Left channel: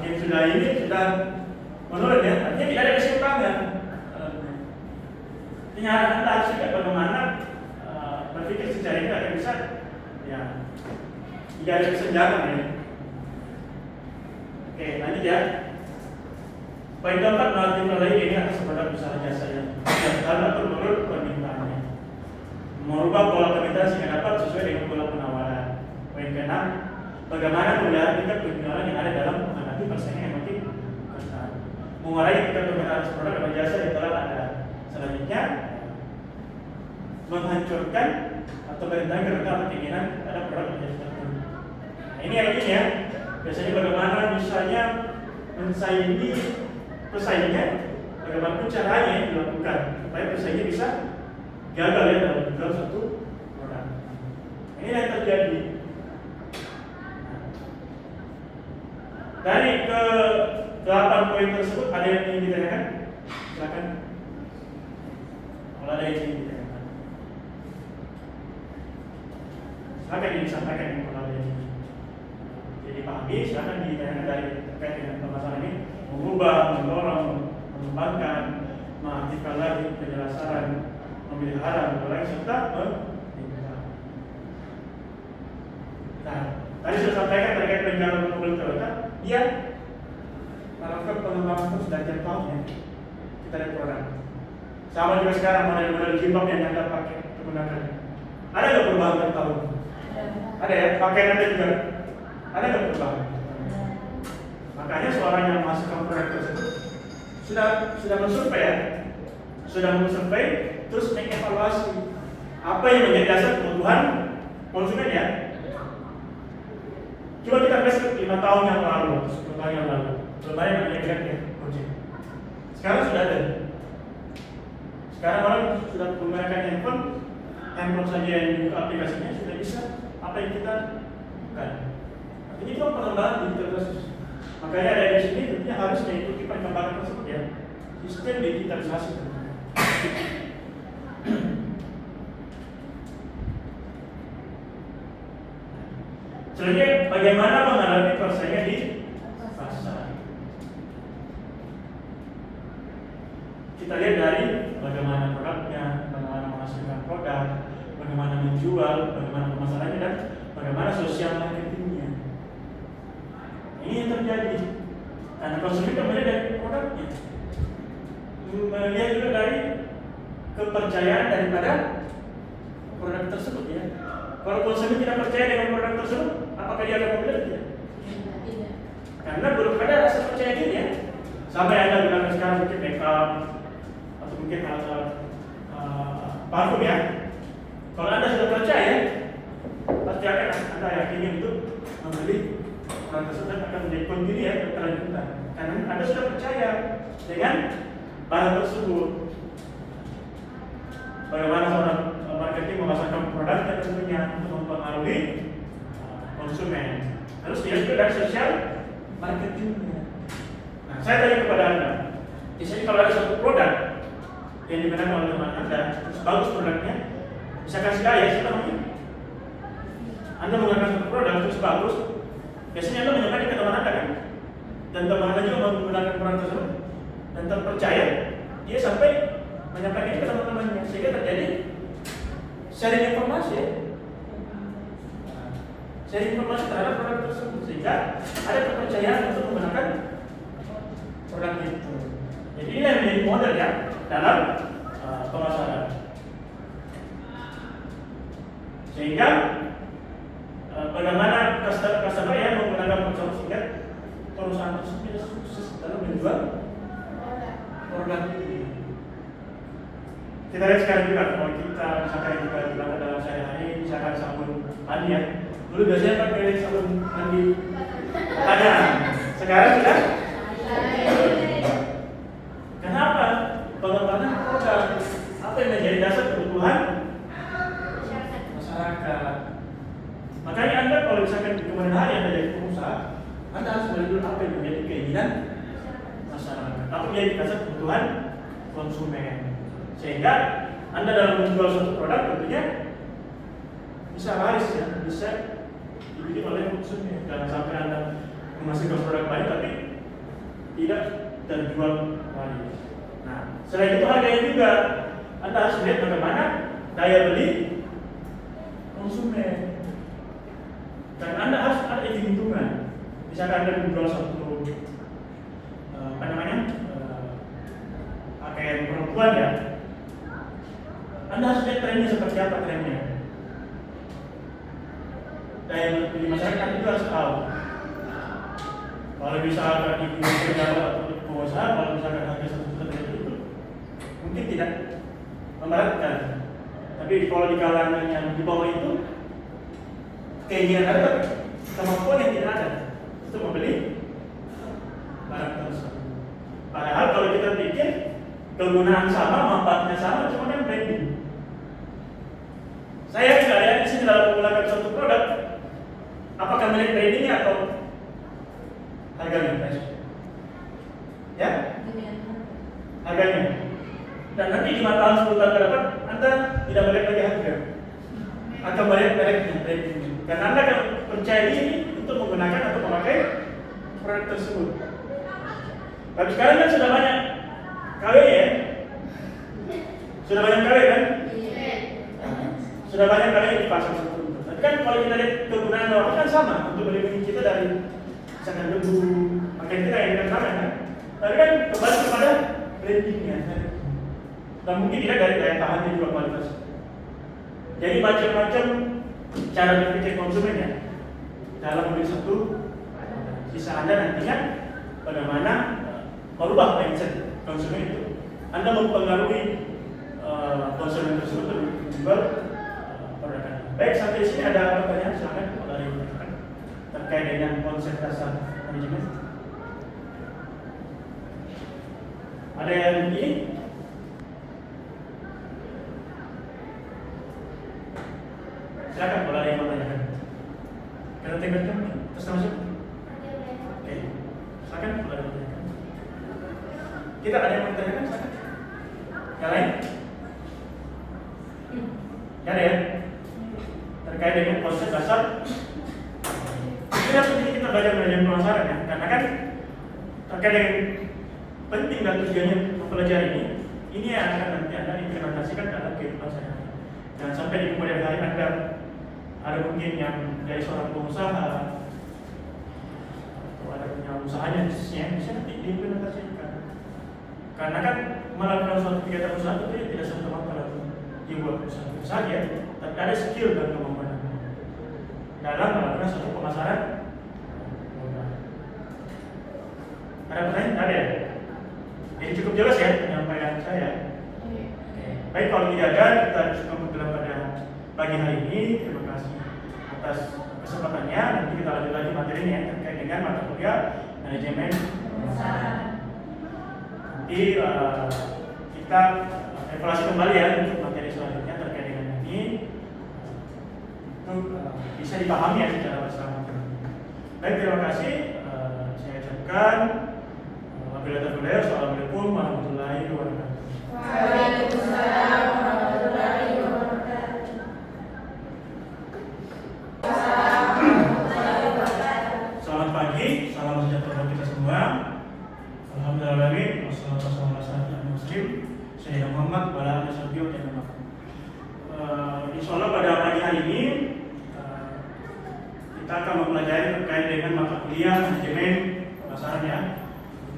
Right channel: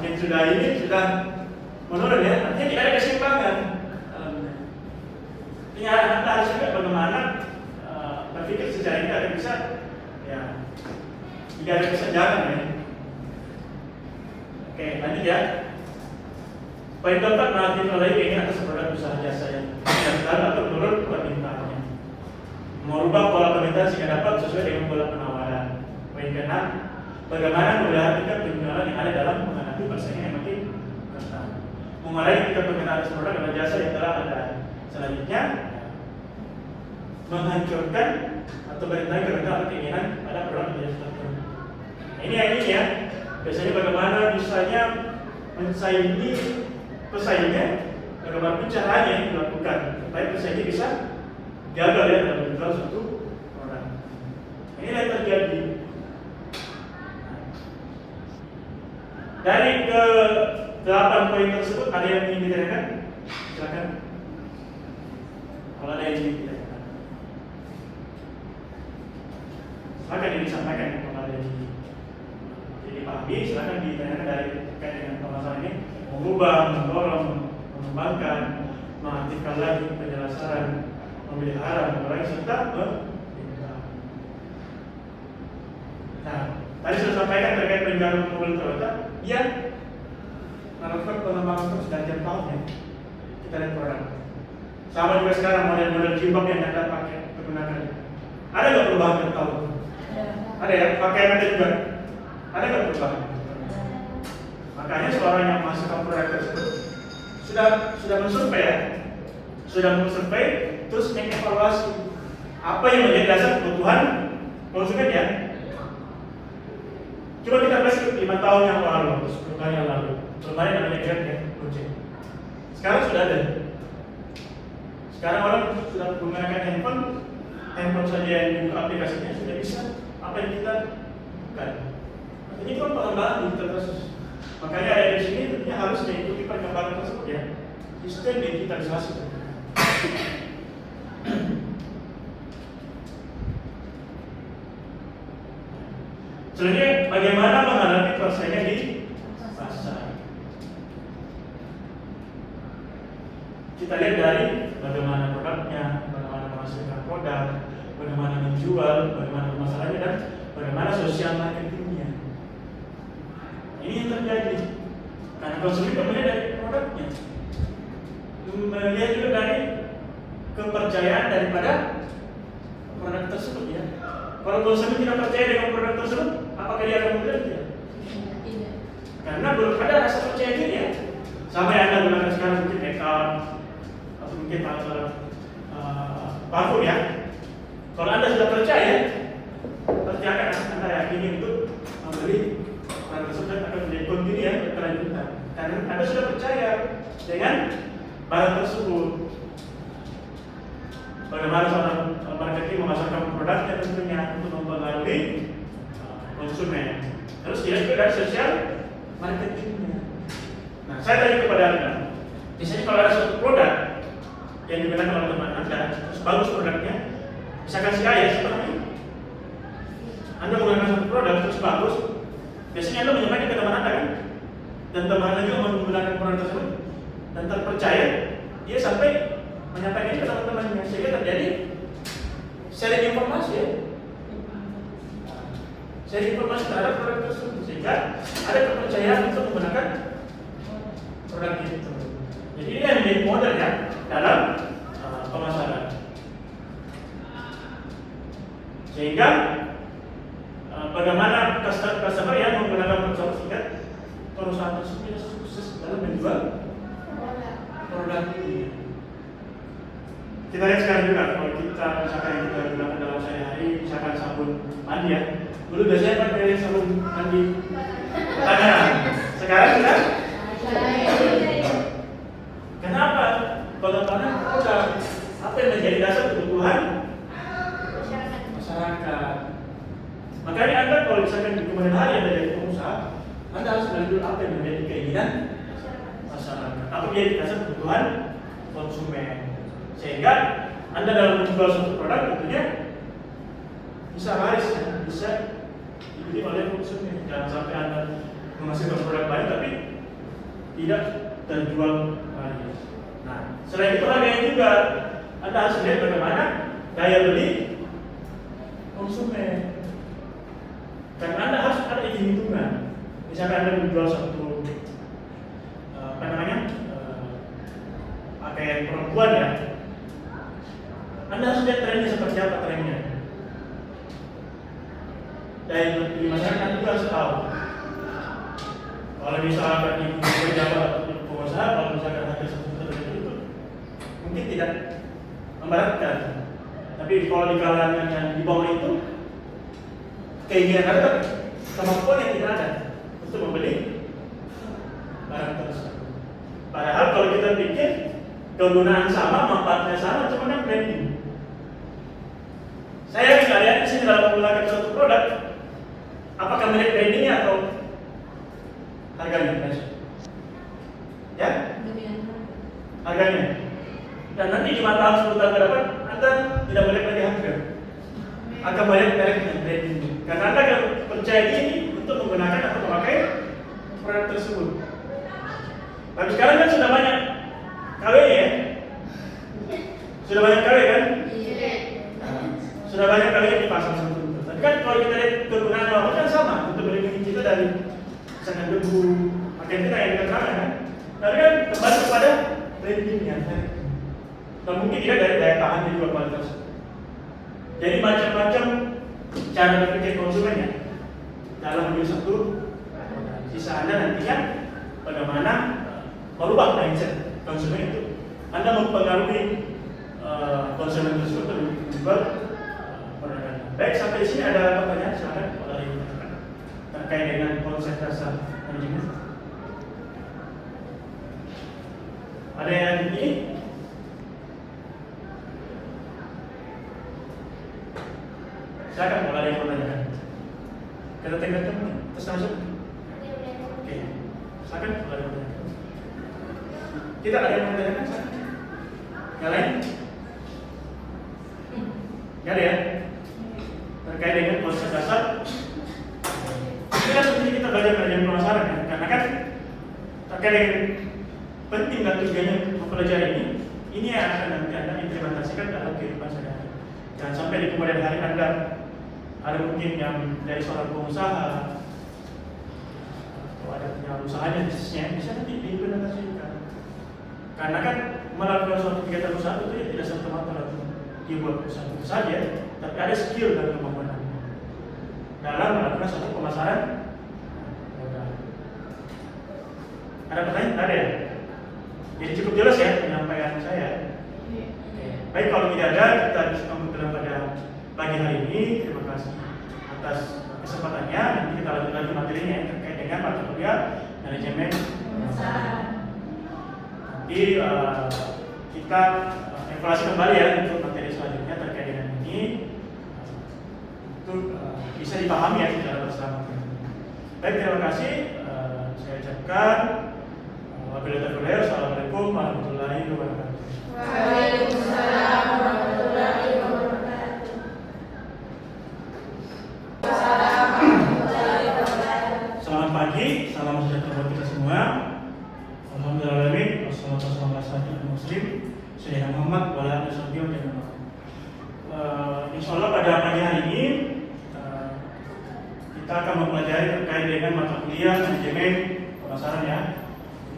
semakin sudah ini sudah menurun ya, artinya tidak ada keseimbangan. Artinya Anda harus ingat bagaimana berpikir secara ini ada bisa ya tidak ada kesenjangan ya. Oke, lanjut ya. Poin keempat, margin nilai ingin atas produk usaha jasa yang dilakukan atau menurut permintaannya. Merubah pola permintaan sehingga dapat sesuai dengan pola penawaran. Poin keenam, bagaimana melihara tingkat penjualan yang ada dalam menghadapi persaingan yang makin ketat. Mengurangi tingkat permintaan produk dan jasa yang telah ada. Selanjutnya, menghancurkan atau berintang kerendahan keinginan pada produk dan jasa tertentu. Nah, ini yang ini ya. Biasanya bagaimana misalnya mensaingi pesaingnya, bagaimana pun caranya yang dilakukan supaya pesaingnya bisa gagal ya dalam menjual satu produk. Ini yang terjadi. Dari ke 8 poin tersebut ada yang ingin ditanyakan? Silakan. Kalau ada yang ingin ditanyakan, silakan disampaikan kalau ada yang ingin. Jadi pahami, silakan ditanyakan dari terkait dengan permasalahan ini. Mengubah, mendorong, mengembangkan, mengaktifkan lagi penjelasan, memelihara, mengurangi serta meningkatkan. Nah, tadi saya sampaikan terkait penjualan mobil Toyota, dia melakukan pengembangan terus dan tiap tahunnya kita lihat orang. Sama juga sekarang model-model jilbab yang Anda pakai menggunakan. Ada nggak perubahan tiap tahun? Ada ya, pakaian Anda juga. Ada nggak perubahan? Makanya seorang yang masukkan produk tersebut sudah mensurvei ya, sudah mensurvei terus mengevaluasi apa yang menjadi dasar kebutuhan konsumen ya. Coba kita flashback 5 tahun yang lalu, 10 tahun yang lalu, belum ada yang namanya Grab ya, Gojek. Sekarang sudah ada. Sekarang orang sudah menggunakan handphone saja yang dibuka aplikasinya sudah bisa apa yang kita bukan. Ini kan pengembangan digital terus. Makanya ada di sini tentunya harus mengikuti perkembangan tersebut ya. Sistem digitalisasi. Selanjutnya, bagaimana menghadapi persaingan di pasar? Kita lihat dari bagaimana produknya, bagaimana menghasilkan produk, bagaimana menjual, bagaimana permasalahannya dan bagaimana sosial marketingnya. Ini yang terjadi karena konsumen melihat dari produknya, melihat juga dari kepercayaan daripada produk tersebut ya. Kalau konsumen tidak percaya dengan produk tersebut, apakah dia akan membeli? Tidak. Karena belum ada rasa percaya diri ya. Sama yang Anda gunakan sekarang mungkin makeup atau mungkin parfum ya. Kalau Anda sudah percaya, pasti akan Anda yakini untuk membeli produk tersebut dan akan menjadi kontinu ya berkelanjutan. Karena Anda sudah percaya dengan barang tersebut. Bagaimana seorang marketing memasarkan produknya tentunya untuk mempengaruhi konsumen. Terus dia juga dari sosial marketingnya. Nah, saya tanya kepada Anda, misalnya kalau ada satu produk yang digunakan oleh teman Anda, terus bagus produknya, misalkan si A ya seperti ini. Anda menggunakan satu produk terus bagus, biasanya Anda menyampaikan ke teman Anda kan? Dan teman Anda juga menggunakan produk tersebut dan terpercaya, dia sampai menyampaikan ke teman-temannya sehingga terjadi sharing informasi ya. Sharing informasi terhadap produk tersebut sehingga ada kepercayaan untuk menggunakan produk itu. Jadi ini yang menjadi modal ya dalam pemasaran. Sehingga bagaimana customer yang menggunakan produk tersebut, perusahaan tersebut sukses dalam menjual produk ini. Kita lihat sekarang juga kalau kita misalkan kita gunakan dalam sehari-hari, misalkan sabun mandi ya. Dulu biasanya pakai sabun mandi tangan. Sekarang sudah. Kenapa? Pengembangan produk apa yang menjadi dasar kebutuhan masyarakat. Makanya Anda kalau misalkan di kemudian hari Anda jadi pengusaha, Anda harus melihat apa yang menjadi keinginan masyarakat. Apa yang menjadi dasar kebutuhan konsumen. Sehingga Anda dalam menjual suatu produk tentunya bisa laris ya, bisa dipilih oleh konsumen. Jangan sampai Anda menghasilkan produk banyak tapi tidak terjual lagi. Nah, selain itu harganya juga Anda harus lihat bagaimana daya beli konsumen. Dan Anda harus ada hitung-hitungan. Misalnya Anda menjual satu pakaian perempuan ya, Anda harus lihat trennya seperti apa trennya. Daya beli masyarakat juga harus tahu. Kalau misalkan ibu pejabat pengusaha, kalau misalkan harga sesuatu itu mungkin tidak memberatkan. Tapi kalau di kalangan yang di bawah itu, keinginan ada kemampuan yang tidak ada untuk membeli barang tersebut. Padahal kalau kita pikir kegunaan sama, manfaatnya sama, cuma kan branding. Saya misalnya di sini dalam menggunakan suatu produk, apakah melihat brandingnya atau harganya? Ya? Harganya. Dan nanti di mata 10 tahun ke depan, Anda tidak melihat lagi harga, akan melihat branding. Karena Anda akan percaya diri untuk menggunakan atau memakai produk tersebut. Tapi sekarang kan sudah banyak KW ya? Sudah banyak KW kan? Sudah banyak KW di pasar sebetulnya. Tapi kan kalau kita lihat kegunaan rokok kan sama untuk melindungi kita dari misalnya debu, pakaian kita yang sama kan? Tapi kan kembali kepada brandingnya. Dan mungkin tidak dari daya tahan di luar kualitas. Jadi macam-macam cara berpikir konsumen ya dalam membeli satu. Sisa Anda nantinya bagaimana merubah mindset konsumen itu. Anda mempengaruhi konsumen tersebut untuk menjual produk. Baik, sampai di sini ada pertanyaan, silakan boleh ditanyakan terkait dengan konsep dasar manajemen. Ada yang ini? Silakan boleh ada yang bertanyakan. Kita tinggalkan terus masuk. Oke, silakan boleh bertanyakan. Kita ada yang bertanyakan, silakan. Yang lain? Gak ada ya? Terkait dengan konsep dasar. Kita seperti kita belajar pemasaran ya, karena kan terkait dengan penting dan tujuannya mempelajari ini yang akan nanti Anda implementasikan dalam kehidupan sehari-hari. Jangan sampai di kemudian hari Anda ada mungkin yang dari seorang pengusaha atau ada punya usahanya bisnisnya bisa nanti diimplementasikan. Karena kan melakukan suatu kegiatan usaha itu tidak serta-merta dibuat usaha saja, tapi ada skill dan kemampuan dalam melakukan suatu pemasaran. Ada pertanyaan? Ada ya? Jadi cukup jelas ya penyampaian saya. Baik, kalau tidak ada, kita cukup pada pagi hari ini. Terima kasih atas kesempatannya. Nanti kita lanjut lagi materinya terkait dengan mata kuliah manajemen. Nanti kita evaluasi kembali ya untuk materi selanjutnya terkait dengan ini. Itu bisa dipahami ya secara bersama. Baik, terima kasih. Saya ucapkan Assalamualaikum warahmatullahi wabarakatuh. Waalaikumsalam warahmatullahi wabarakatuh. Selamat pagi, salam sejahtera buat kita semua. Alhamdulillahirrahmanirrahim. Wassalamualaikum warahmatullahi wabarakatuh. Saya Muhammad Walana Sabio dan Insya Allah pada pagi hari ini kita akan mempelajari terkait dengan mata kuliah manajemen pemasaran ya.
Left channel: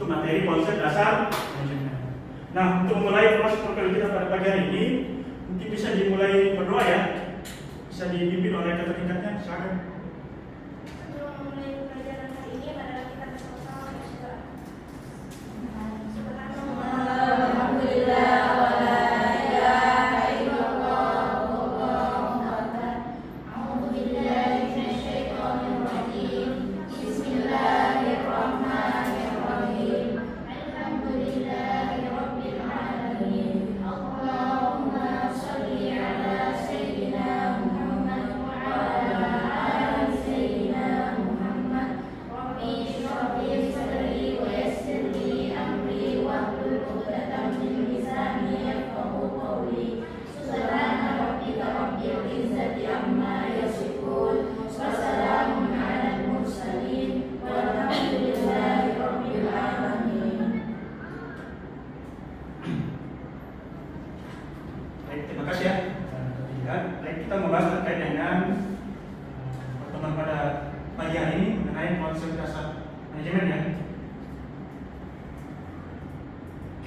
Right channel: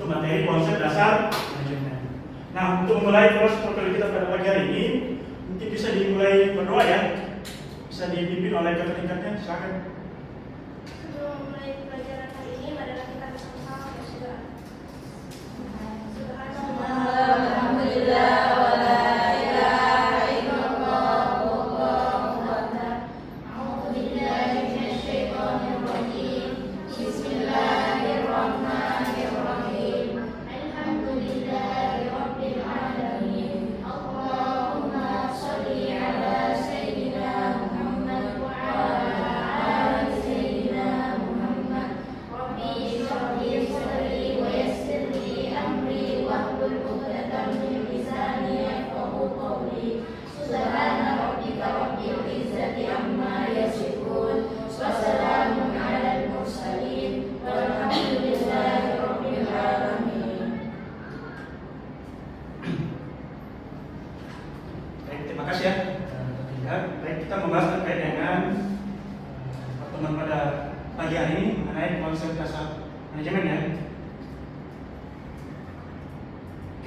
Itu materi konsep dasar manajemen. Nah, untuk memulai proses kita pada pagi hari ini, mungkin bisa dimulai berdoa ya. Bisa dipimpin oleh kakak tingkatnya, silakan. Sebelum memulai pelajaran kali ini, marilah kita bersama-sama berdoa. Alhamdulillah wa la ilaha illallah wallahu akbar. A'udzu billahi minasy syaithanir rajim. Bismillahirrahmanirrahim. Alhamdulillahirabbil alamin. Allahumma shalli ala sayyidina Muhammad wa ala ali sayyidina Muhammad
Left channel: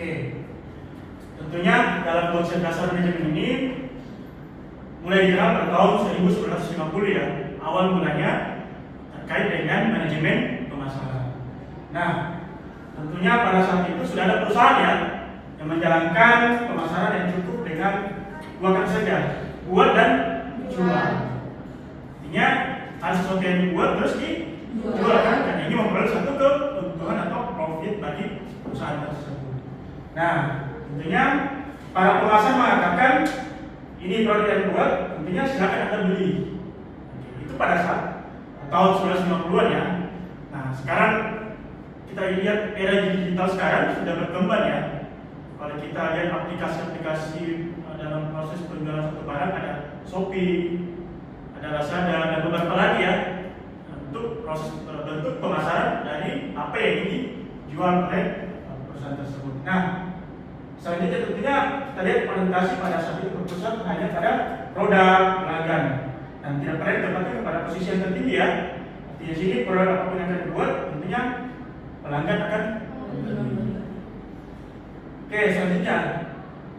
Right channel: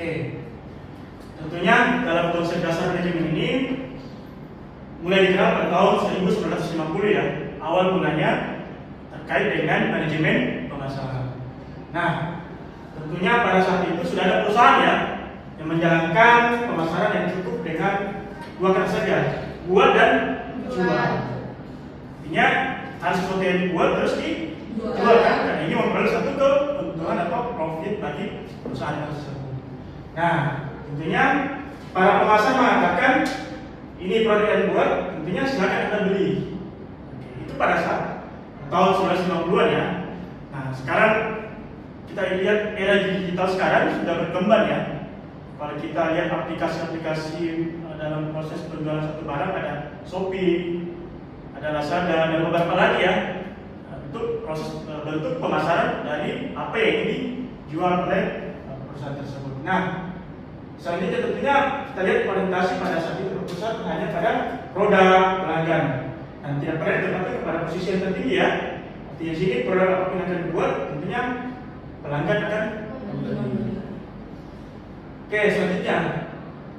Oke, tentunya dalam konsep dasar manajemen ini mulai dikenal pada tahun 1950 ya. Awal mulanya terkait dengan manajemen pemasaran. Nah, tentunya pada saat itu sudah ada perusahaan ya yang menjalankan pemasaran yang cukup dengan dua kata saja, buat dan jual. Artinya harus sesuatu yang dibuat terus dijual kan? Dan ini memperoleh satu keuntungan atau profit bagi perusahaan tersebut. Nah, tentunya para penguasa mengatakan ini produk yang dibuat, tentunya silakan Anda beli. Itu pada saat tahun 1950-an ya. Nah, sekarang kita lihat era digital sekarang sudah berkembang ya. Kalau kita lihat aplikasi-aplikasi dalam proses penjualan satu barang, ada Shopee, ada Lazada, dan beberapa lagi ya, untuk proses bentuk pemasaran dari apa yang dijual oleh perusahaan tersebut. Nah, selanjutnya tentunya kita lihat orientasi pada saat itu berpusat hanya pada produk pelanggan dan tidak pernah ditempatkan kepada posisi yang tertinggi ya. Di sini produk apapun yang akan dibuat, tentunya pelanggan akan membeli. Oke, selanjutnya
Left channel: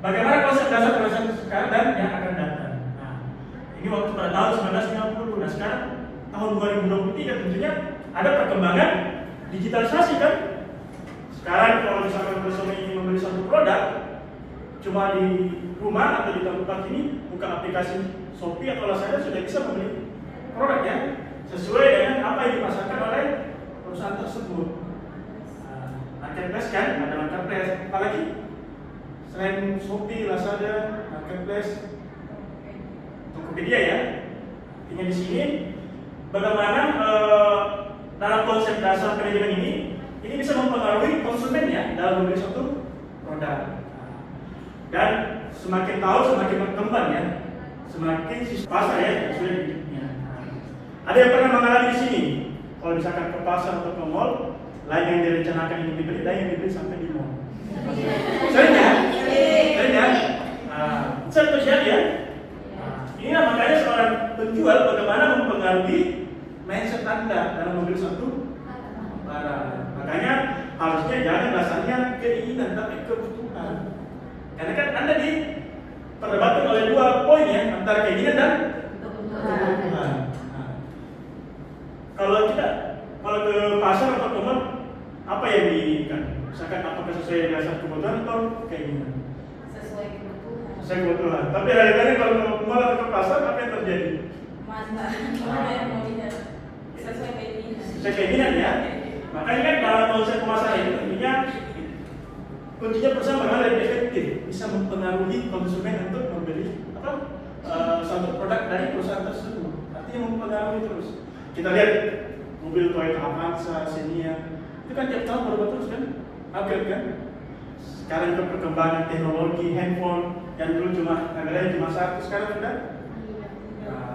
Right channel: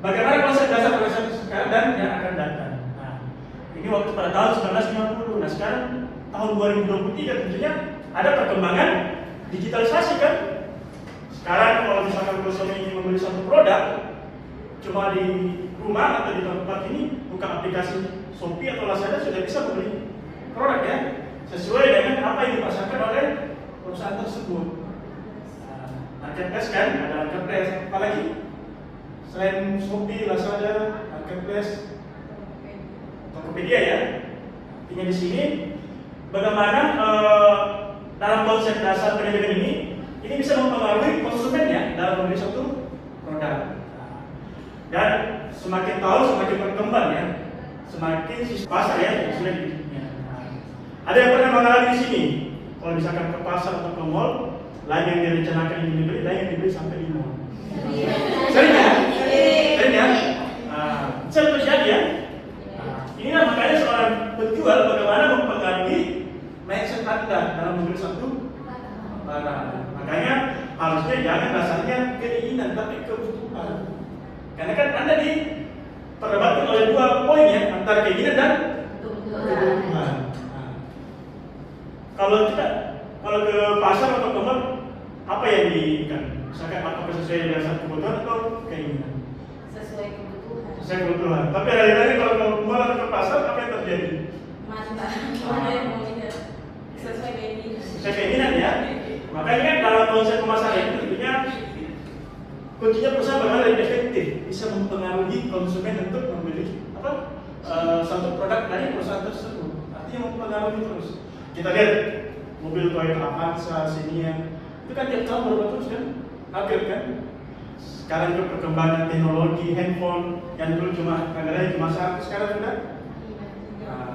bagaimana konsep dasar perusahaan sekarang dan yang akan datang. Nah, ini waktu pada tahun 1950. Nah, sekarang tahun 2023 tentunya ada perkembangan digitalisasi kan. Sekarang kalau misalkan konsumen ingin membeli suatu produk, cuma di rumah atau di tempat ini buka aplikasi Shopee atau Lazada sudah bisa membeli produk ya, sesuai dengan apa yang dipasarkan oleh perusahaan tersebut. Nah, marketplace kan, ada marketplace. Apalagi selain Shopee, Lazada, marketplace, Tokopedia ya. Artinya di sini bagaimana dalam konsep dasar manajemen ini bisa mempengaruhi konsumennya dalam membeli suatu produk. Dan semakin tahu semakin berkembang ya, semakin sistem pasar ya sudah dibina. Ada yang pernah mengalami di sini. Kalau misalkan ke pasar atau ke mall, lain yang direncanakan ingin dibeli, lain yang dibeli sampai di mall. Sering ya? Sering ya? Saya terjadi ya. Inilah makanya seorang penjual bagaimana mempengaruhi mindset Anda dalam membeli suatu barang. Makanya harusnya jangan dasarnya keinginan tapi kebutuhan. Karena kan Anda diperdebatkan oleh dua poin ya, antara keinginan dan kebutuhan. Kalau ke pasar atau ke mall, apa yang diinginkan? Misalkan apakah sesuai dengan kebutuhan atau keinginan? Sesuai kebutuhan. Sesuai kebutuhan. Tapi realitanya kalau ke mall atau ke pasar apa yang terjadi? Mana yang mau tidak sesuai keinginan? Sesuai keinginan ya. Makanya kan dalam konsep pemasaran itu tentunya kuncinya perusahaan bagaimana lebih efektif bisa mempengaruhi konsumen untuk membeli satu produk dari perusahaan tersebut. Artinya mempengaruhi terus. Kita lihat mobil Toyota Avanza, Xenia, itu kan tiap tahun berubah terus kan, upgrade kan. Sekarang itu perkembangan teknologi handphone yang dulu cuma satu, sekarang ada.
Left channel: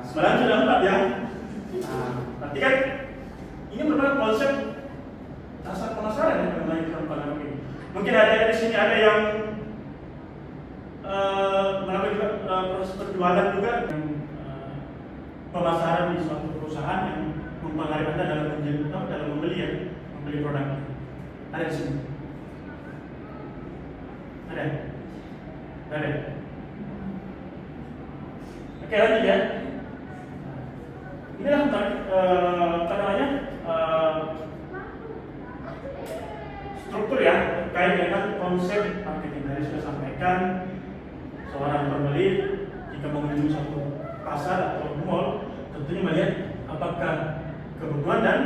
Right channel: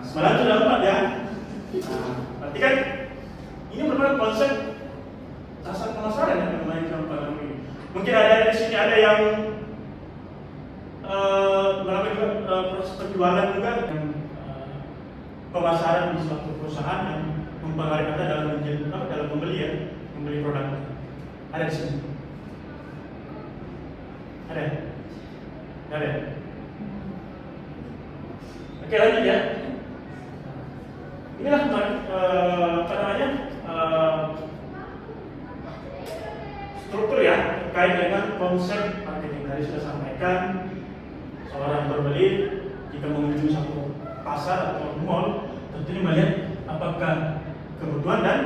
Sebenarnya sudah 4 ya. Berarti kan ini merupakan konsep dasar pemasaran yang memainkan pada ini. Mungkin ada di sini ada yang melakukan proses penjualan juga dan pemasaran di suatu perusahaan yang mempengaruhi Anda dalam membeli produk. Ada di sini. Ada? Ada. Oke, lanjut ya. Inilah apa namanya struktur ya terkait dengan konsep marketing. Tadi sudah sampaikan seorang pembeli jika mengunjungi suatu pasar atau mall tentunya melihat apakah kebutuhan dan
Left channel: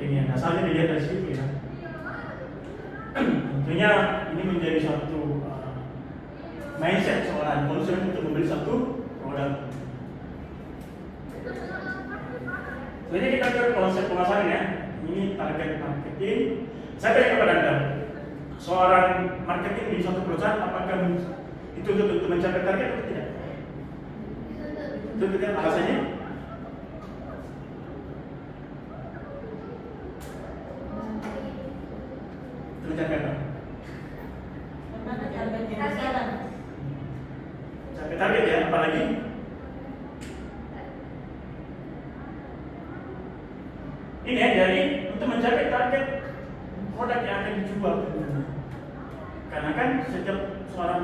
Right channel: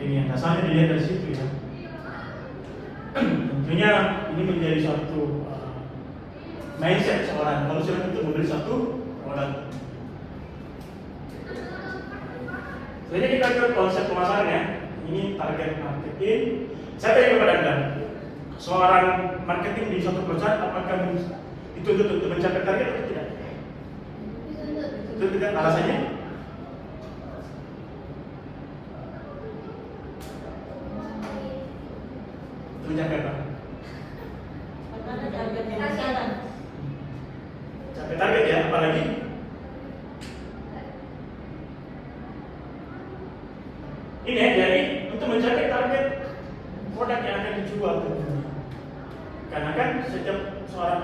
keinginan. Dasarnya dilihat dari situ ya. Tentunya ini menjadi satu mindset seorang konsumen untuk membeli satu produk. Jadi kita ke konsep pemasaran ya. Ini target marketing. Saya tanya kepada Anda, seorang marketing di suatu perusahaan apakah dituntut untuk mencapai target atau tidak? Itu tidak alasannya? Itu mencapai apa? Capai target ya, apalagi? Ini ya, jadi untuk mencapai target produk yang akan dijual. Karena kan setiap seorang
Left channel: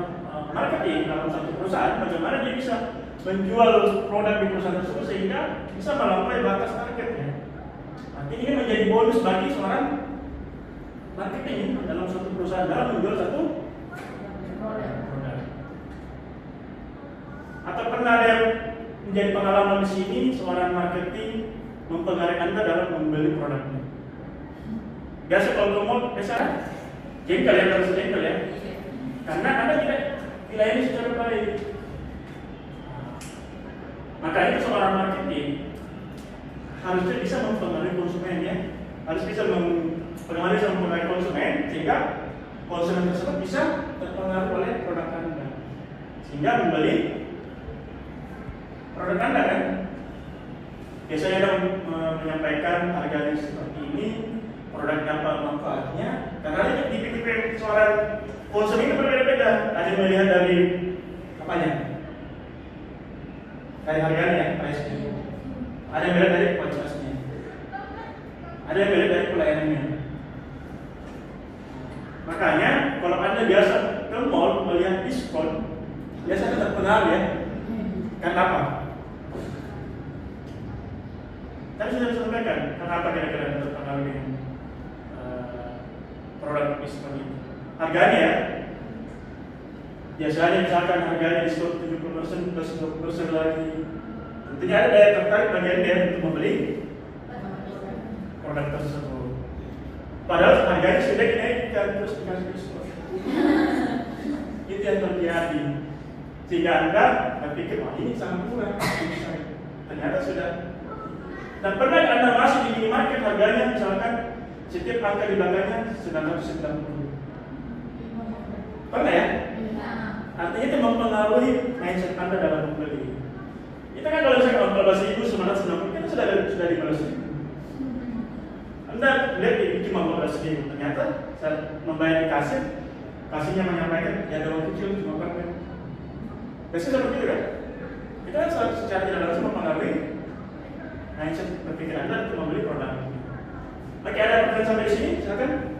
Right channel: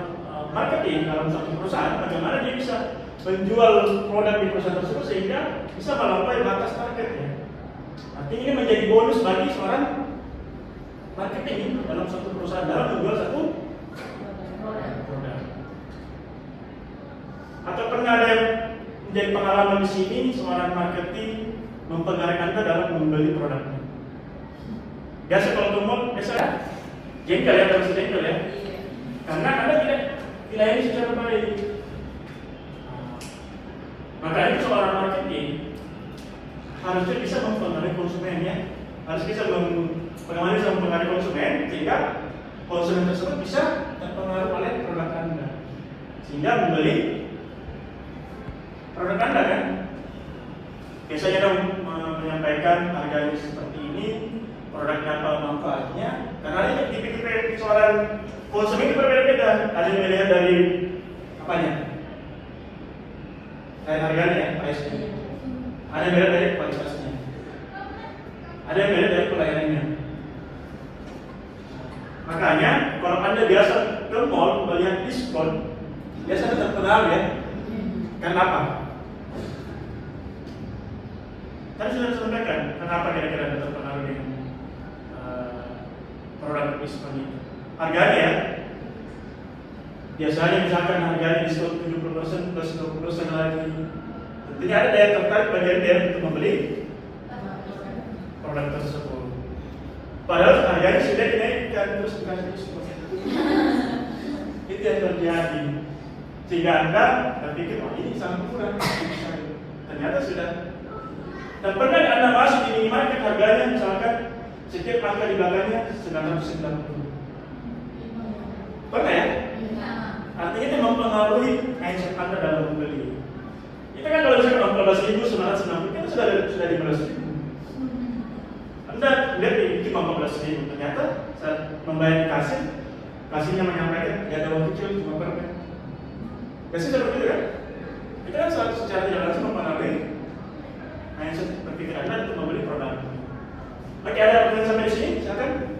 marketing dalam satu perusahaan, bagaimana dia bisa menjual produk di perusahaan tersebut sehingga bisa melampaui batas targetnya. Artinya ini menjadi bonus bagi seorang marketing dalam satu perusahaan dalam menjual satu produk. Atau pernah ada yang menjadi pengalaman di sini seorang marketing mempengaruhi Anda dalam membeli produknya? Biasa kalau ke mall, biasa jengkel ya, harus jengkel ya. Karena Anda tidak dilayani secara baik. Maka itu seorang marketing harusnya bisa mempengaruhi konsumennya, harus bisa mempengaruhi konsumen sehingga konsumen tersebut bisa terpengaruh oleh produk Anda sehingga membeli produk Anda kan. Biasanya dong menyampaikan harganya seperti ini, produknya apa manfaatnya, karena dipikir seorang konsumen itu berbeda-beda. Ada yang melihat dari apanya? Dari harganya, pricenya. Ada yang melihat dari kualitasnya. Ada yang melihat dari pelayanannya. Makanya kalau Anda biasa ke mall melihat diskon, biasanya terpengaruh ya. Kenapa? Tadi sudah disampaikan kenapa kira-kira terpengaruh dengan produk diskon ini. Harganya ya. Biasanya misalkan harganya diskon 70% plus 20% lagi. Tentunya ada daya tertarik bagi dia untuk membeli produk tersebut. Padahal harganya sudah dinaikkan terus dikasih diskon. Itu yang terjadi. Sehingga Anda berpikir, wah ini sangat murah. Ternyata sudah. Dan pernah Anda masuk di minimarket harganya misalkan setiap angka di belakangnya 990. Pernah ya? Artinya itu mempengaruhi mindset Anda dalam membeli. Itu kan kalau misalkan 14.990 itu sudah 15.000. Anda lihat di 15.000, ternyata saat membayar di kasir, kasirnya menyampaikan ya ada uang kecil cuma berapa. Biasanya seperti itu kan? Itu kan secara tidak langsung mempengaruhi mindset berpikir Anda untuk membeli produk. Oke, ada pertanyaan sampai di sini? Silakan.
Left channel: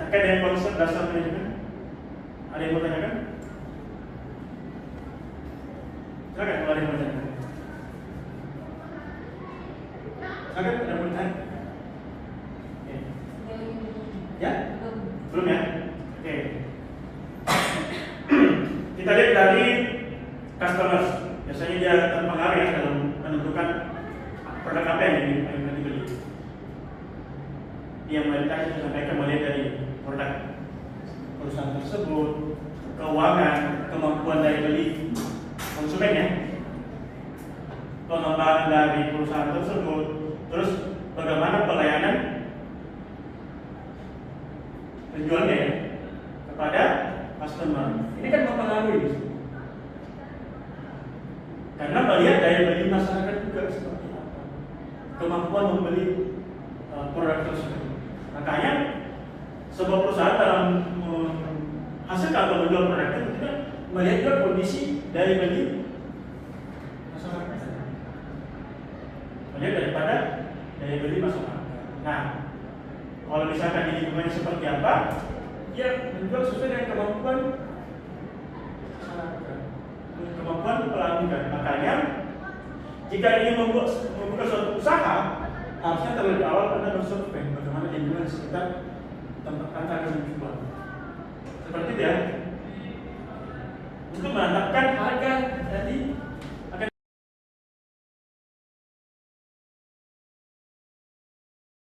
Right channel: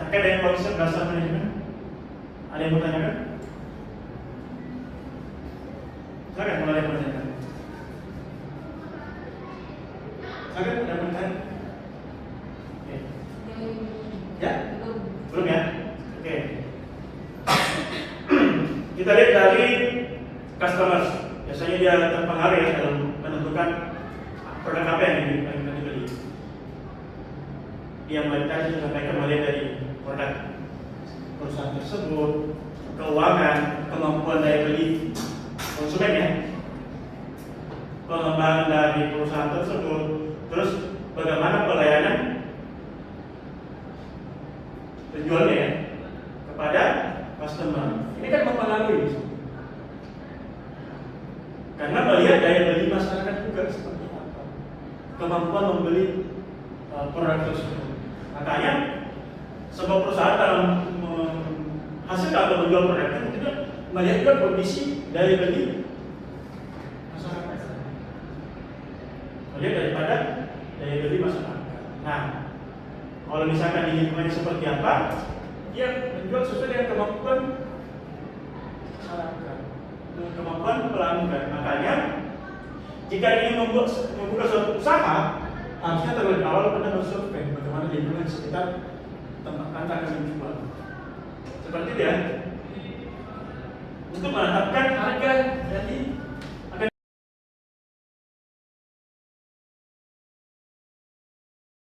Terkait dengan konsep dasar manajemen, ada yang mau tanyakan? Silakan, mulai dari pertanyaan. Silakan, ada pertanyaan? Oke. Ya? Belum ya? Oke. Kita lihat dari customers. Biasanya dia terpengaruh ya dalam menentukan produk apa yang dibeli. Yang mereka sampaikan melihat dari produk perusahaan tersebut, keuangan, kemampuan daya beli konsumennya, pengembangan dari perusahaan tersebut, terus bagaimana pelayanan penjualnya ya kepada customer. Ini kan mempengaruhi. Karena melihat daya beli masyarakat juga seperti apa, kemampuan membeli produk tersebut. Makanya sebuah perusahaan dalam menghasilkan atau menjual produknya juga melihat juga kondisi daya beli masyarakat. Melihat daripada daya beli masyarakat. Nah, kalau misalkan ini lingkungannya seperti apa, dia menjual sesuai dengan kemampuan masyarakat, kemampuan pelanggan. Makanya jika ingin membuka suatu usaha, harusnya terlebih awal Anda bersurvei bagaimana lingkungan sekitar tempat Anda akan menjual. Seperti itu ya.